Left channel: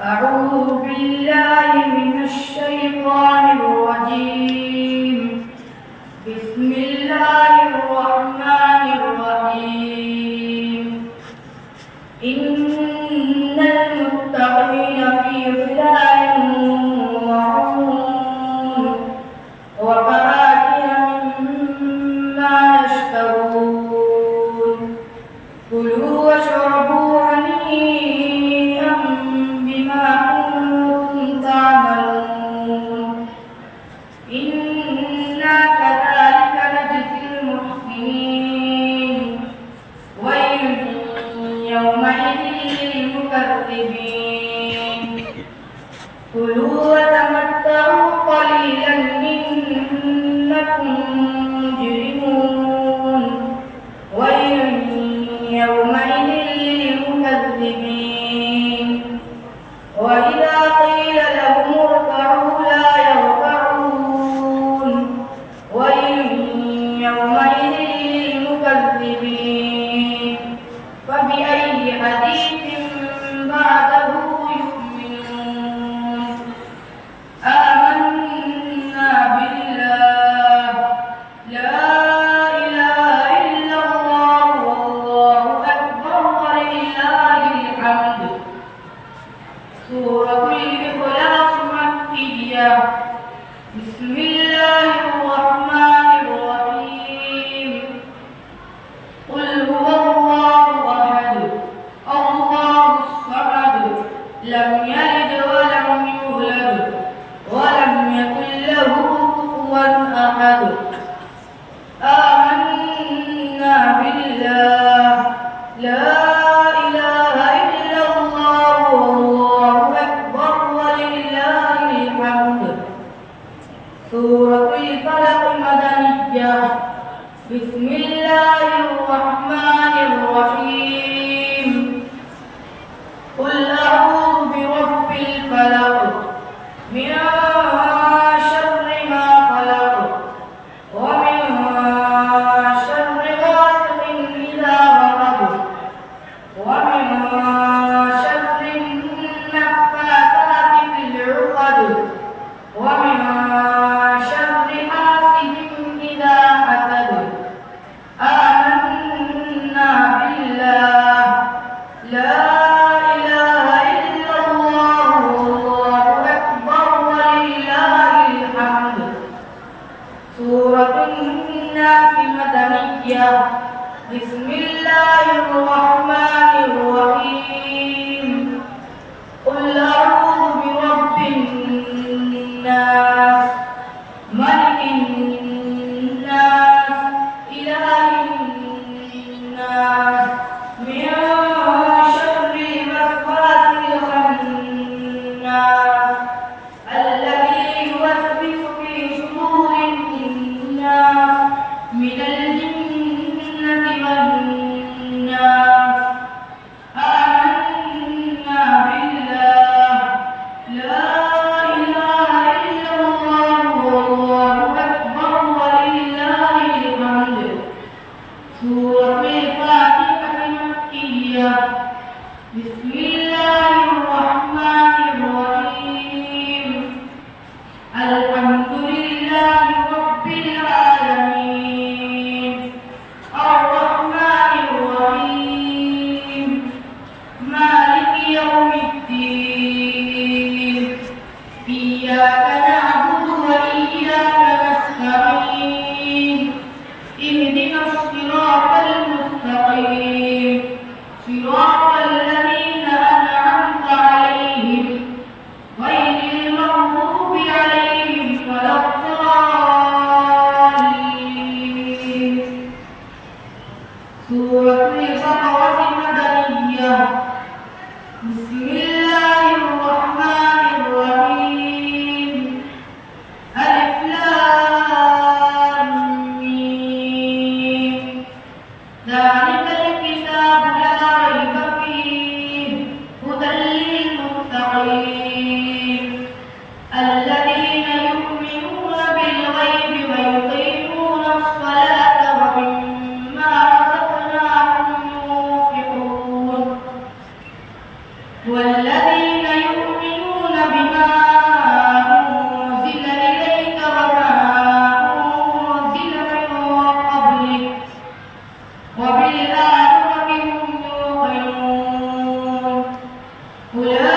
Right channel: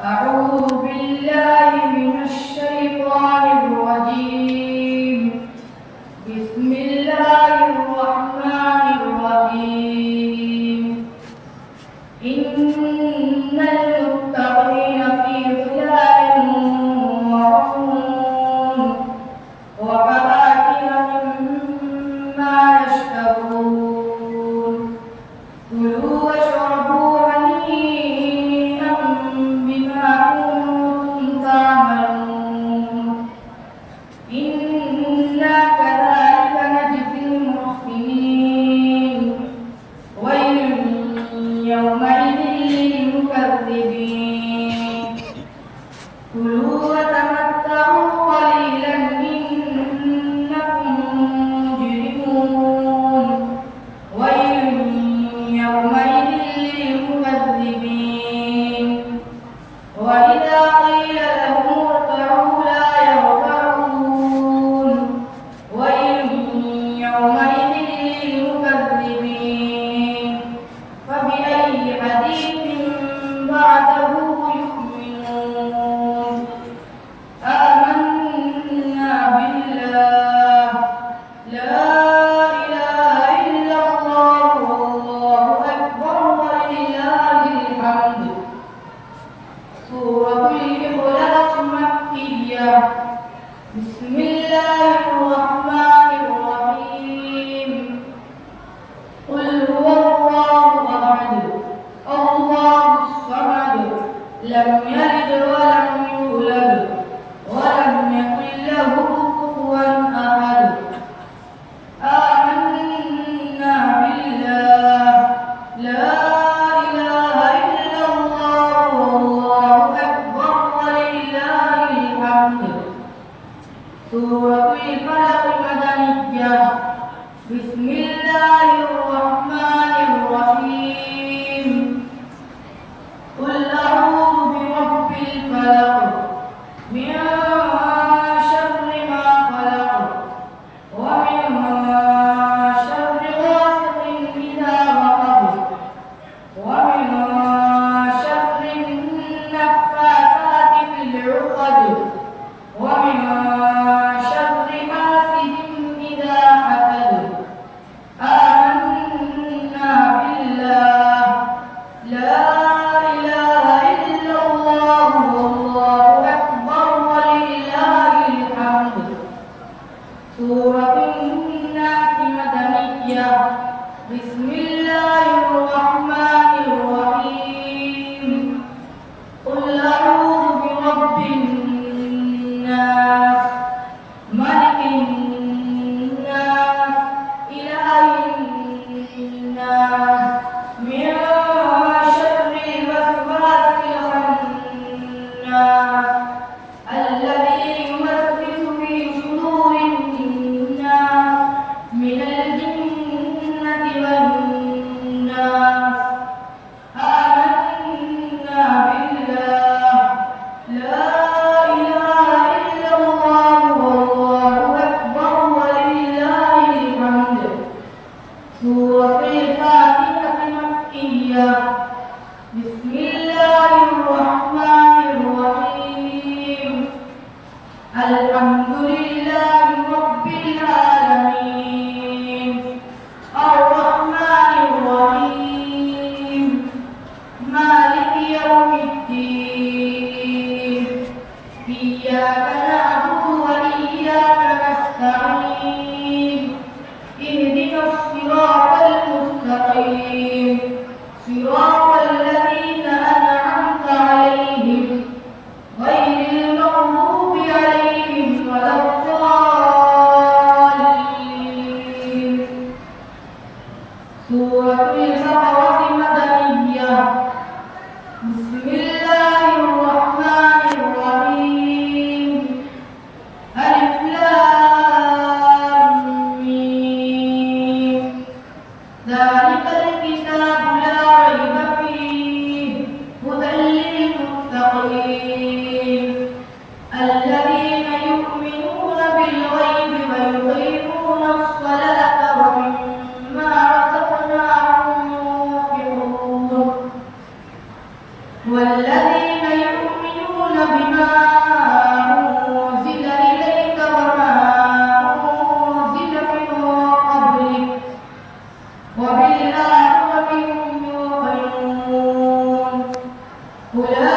أعوذ بالله من الشيطان الرجيم. بسم الله الرحمن الرحيم. إن المتقين في ظلال وعيون وفواكه مما يشتهون. كلوا واشربوا هنيئا بما كنتم تعملون. إنا كذلك نجزي المحسنين. ويل يومئذ للمكذبين. كلوا وتمتعوا قليلا إنكم مجرمون. ويل يومئذ للمكذبين. وإذا قيل لهم اركعوا لا يركعون. ويل يومئذ للمكذبين. فبأي حديث بعده يؤمنون. آمنا بالله لا إله إلا الله والله أكبر ولله الحمد. سورة الإخلاص مكية. بسم الله الرحمن الرحيم. قل هو الله أحد الله الصمد لم يلد ولم يولد ولم يكن له كفوا أحد. آمنا بالله لا إله إلا الله والله أكبر ولله الحمد. سورة الفلق مدنية. بسم الله الرحمن الرحيم. قل أعوذ برب الفلق من شر ما خلق ومن شر غاسق إذا وقب ومن شر النفاثات في العقد ومن شر حاسد إذا حسد. آمنا بالله لا إله إلا الله والله أكبر أولئك